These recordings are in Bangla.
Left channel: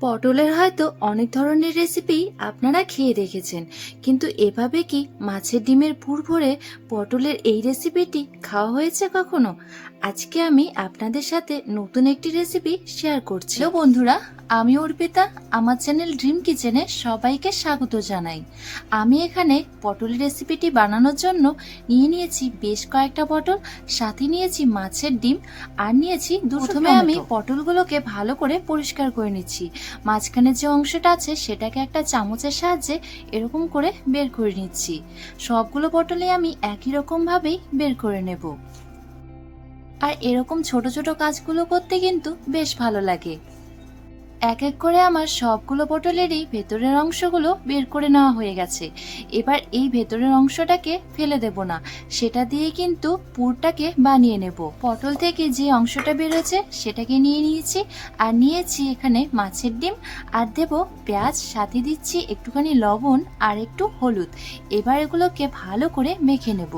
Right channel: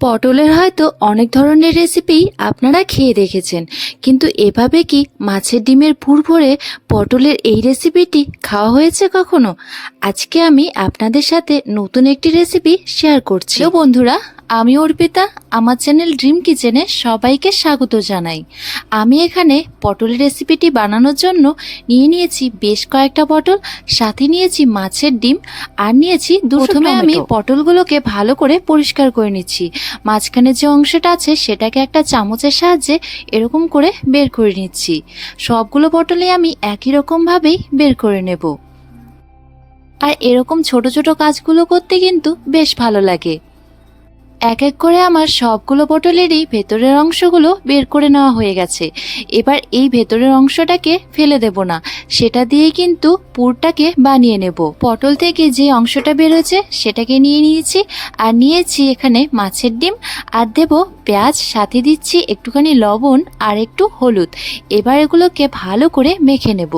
পটলের হয়তো অনেক ধরনের রেসিপি আপনারা খেয়ে দেখেছেন, কিন্তু এভাবে কি মাছের ডিমের পুর ভরে পটলের এই রেসিপিটি খাওয়া হয়েছে কখনো? আজকে আমি আপনাদের সাথে নতুন একটি রেসিপি শেয়ার করছি। বন্ধুরা আমি অর্পিতা আমার চ্যানেল ড্রিম কিচেনে সবাইকে স্বাগত জানাই। আমি এখানে পটলের রেসিপিটি বানানোর জন্য নিয়ে নিয়েছি বেশ কয়েকটা পটল সাথে নিয়েছি মাছের ডিম আর নিয়েছি প্রথমে আমি পটলগুলোকে ভালো করে পরিষ্কার করে নিচ্ছি। মাঝখানে যে অংশটা আছে সেটাকে একটা চামচের সাহায্যে এরকম করে বের করে নিচ্ছি। সবগুলো পটলে আমি একই রকমভাবেই বের করে নেব। আর এরকম ছোট ছোট কাজগুলো করতে কিন্তু বেশ ভালো লাগে। এক এক করে আমার সবগুলো পটলেরই ভেতরের অংশগুলো বের করে নেওয়া হয়ে গেছে। এবার এই ভেতরের অংশটাকে ফেলে দেব না। সেটা দিয়ে কিন্তু পুরটাকে বানিয়ে নেব। পটল থেকে যে অংশটা বেরোচ্ছে সেটাকে নিয়ে নিয়েছি আর নিয়েছি এখানে মাছের ডিম আর দেব পেঁয়াজ, সাথে দিচ্ছি একটুখানি লবণ আর একটু হলুদ। এবার এগুলোকে ভালো করে মেখে নেব।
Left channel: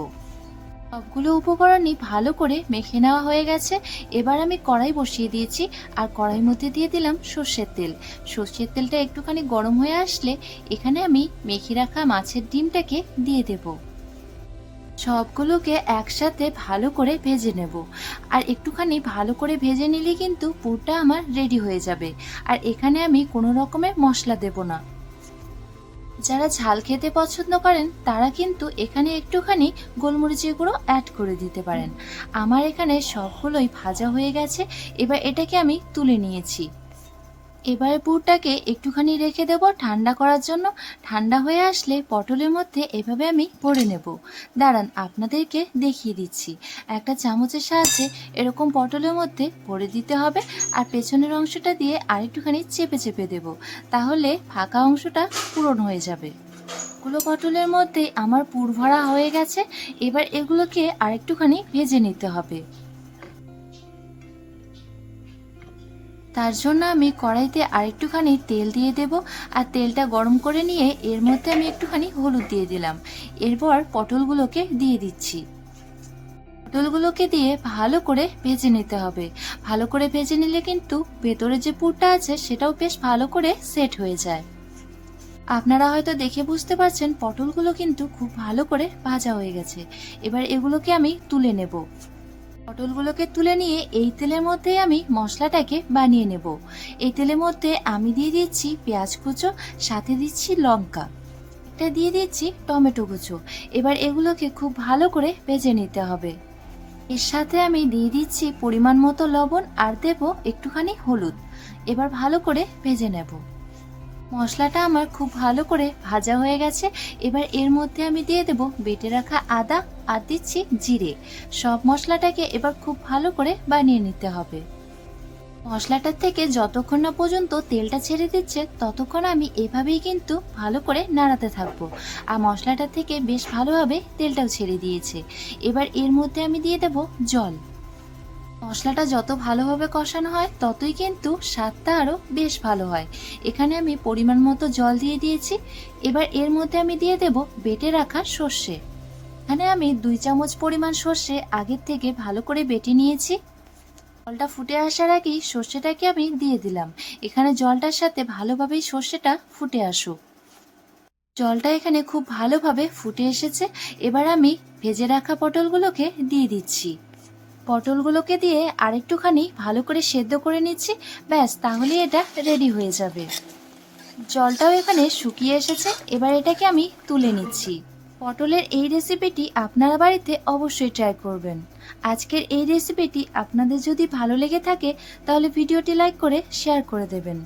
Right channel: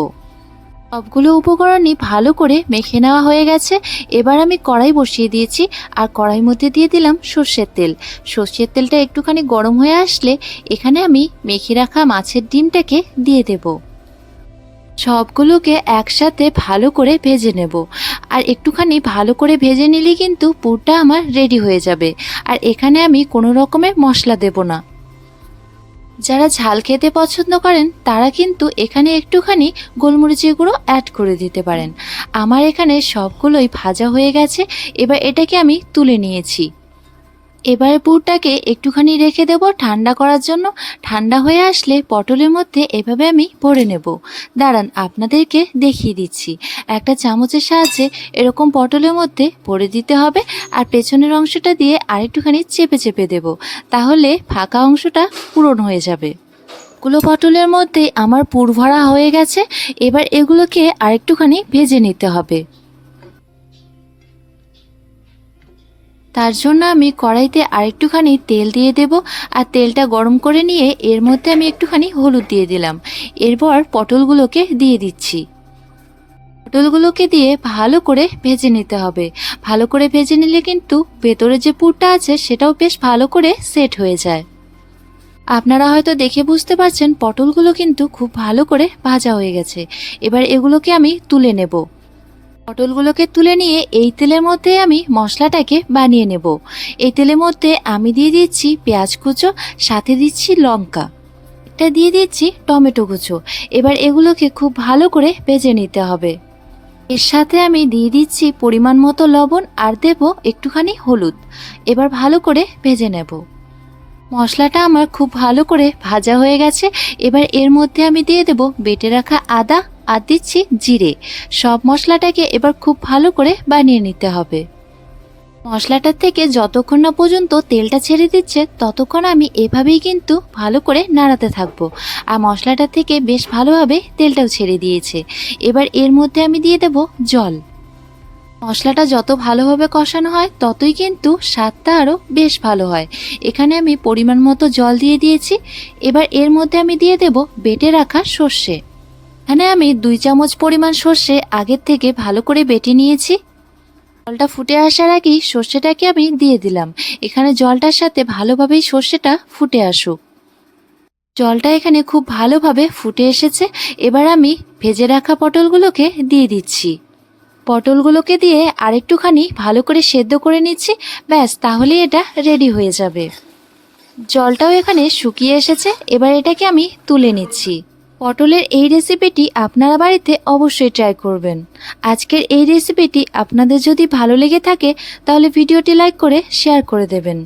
সবগুলো উপকরণই ভালো করে মেখে নেওয়া হয়ে গেছে। এবার আমি কড়াই বসিয়ে দিয়েছি আর কড়াই মধ্যে দিয়ে দিলাম সর্ষের তেল। সর্ষের তেলটা একটুখানি গরম হয়ে আসলে এখানে আমি মেখে রাখা মাছের ডিমটাকে দিয়ে দেব। সবগুলোকে একসাথে ভালো করে ভেজে নেব। আর একটুখানি ভালো করে ভেজে নিলে কিন্তু পুরটা আমার রেডি হয়ে যাবে। আর এখানে আমি কোনো রকমের মশলা দেব না। যারা ঝাল খেতে পছন্দ করেন, তারা কিন্তু এখানে একটুখানি গোলমরিচের গুঁড়ো অ্যাড করে দিতে পারেন। আমার এখানে সবগুলোই ভাজা হয়ে গেছে, এবার এটাকে আমি তুলে নিয়েছি। এবার পুরটাকে একটুখানি রেখে দেব ঠান্ডা করার জন্য। ঠান্ডা হয়ে আসলে পটলের মধ্যে এভাবে আমি ভরে নেব। দাঁড়ান, আপনাদেরকে দেখিয়ে দিচ্ছি। একটা চামচের সাহায্যে এরকম পটলের মধ্যে ভরে দিতে হবে আর পেছনের অংশটা দিয়ে আরেকটুখানি চেপে চেপে দেব। তাহলে ফাঁকা অংশটা পূরণ হয়ে যাবে। গুলো পটলের মধ্যে আমার পুর ভরা হয়ে গেছে। এবার এগুলোকে আরেকটুখানি ভেজে নিতে হবে। তার জন্য আমি কড়াইতে আরেকটুখানি তেল দিয়ে দেব আর তেলটা গরম করে নিয়ে এর মধ্যে আমি একটুখানি হলুদ দিয়ে দিলাম। এরপর পটলগুলোকে দিয়ে দিচ্ছি। পটলগুলোকে দিয়ে ভালো করে ভেজে নিতে হবে। ভালো করে ভেজে নিলে কিন্তু ভেতরে যে পুরটা আছে সেটাও বেশ ভালো করে সেট হয়ে যায়। আপনারা হয়তো দেখে বুঝতে পারছেন, পটলগুলো কিন্তু খুব ভালো করে ভাজা হয়ে গেছে। এবার এগুলোকে আমি তুলে নেব। পটলগুলোকে তুলে নিয়ে এই তেলের মধ্যে আমি মশলাটাকে বানিয়ে নেব। এই তেলের মধ্যে আমি দিয়ে দিচ্ছি পেঁয়াজ কুচো, সাথে দিচ্ছি লঙ্কা। এটা দিয়ে দিচ্ছি টমেটো কুচো। এবার এগুলোকে খুব ভালো করে ভেজে নিতে হবে। এর সাথে আমি দিয়ে দিচ্ছি পরিমাণ মতো লবণ আর দেব একটুখানি হলুদ। এবার ভালো করে ভেজে নেব। মশলাটা আমার খুব ভালো করে ভাজা হয়ে গেছে। এবার এর মধ্যে আমি দিয়ে দেব বেটে রাখা আদা আর দিচ্ছি জিরে। সব মশলাটাকে এবার খুব ভালো করে বানিয়ে নিতে হবে। মশলাটার থেকে যতক্ষণ না পর্যন্ত তেলটা ছেড়ে দিচ্ছে, ততক্ষণ আমি এভাবেই কিন্তু ভালো করে নাড়াতে থাকব। আর মশলাটা থেকে বেশ ভালোভাবে তেলটাও ছেড়ে দিয়েছে। এবার এর মধ্যে আমি দিয়ে দেব জল। মশলাটা যত ভালোভাবে কষানো হয়, ততই কিন্তু স্বাদটা আরও বেশ ভালো হয়। এখানে আমি পরিমাণ মতো জল দিয়ে দিয়েছি। এবার এর মধ্যে আমি দিয়ে দেব বেটে রাখা সর্ষে। এখানে আমি দুই চামচ পরিমাণ সর্ষে আগের থেকে ভালো করে বেটে নিয়েছি। জলটা ফুটে আসার আগেই সর্ষেটাকে আমি দিয়ে দিলাম। এখানে জলটার সাথে ভালোভাবেই সর্ষেটা ফুটে আসুক। জলটা এখানে খুব ভালোভাবে ফুটে এসেছে। এবার আমি ভেজে রাখা পটলগুলোকে দিয়ে দিচ্ছি। পটলগুলোকে দিয়ে আরেকটুখানি ভালো করে সেদ্ধ করে নিচ্ছি, ব্যাস তাহলে এটা রেডি হয়ে যাবে। জলটাও এখানে শুকিয়ে এসেছে, এবার এটাকে আমি তুলে নিচ্ছি। পটলের এই রেসিপিটি আপনারা বাড়িতে অবশ্যই ট্রাই করবেন। আজকের এই রেসিপিটি আপনাদের যদি ভালো লেগে থাকে, তাহলে ভিডিওটি লাইক করে শেয়ার করে দেবেন।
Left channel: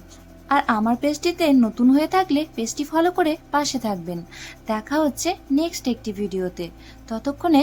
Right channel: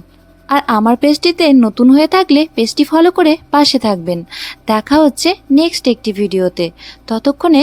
আর আমার পেজটিতে নতুন হয়ে থাকলে পেজটি ফলো করে পাশে থাকবেন। দেখা হচ্ছে নেক্সট একটি ভিডিওতে। ততক্ষণে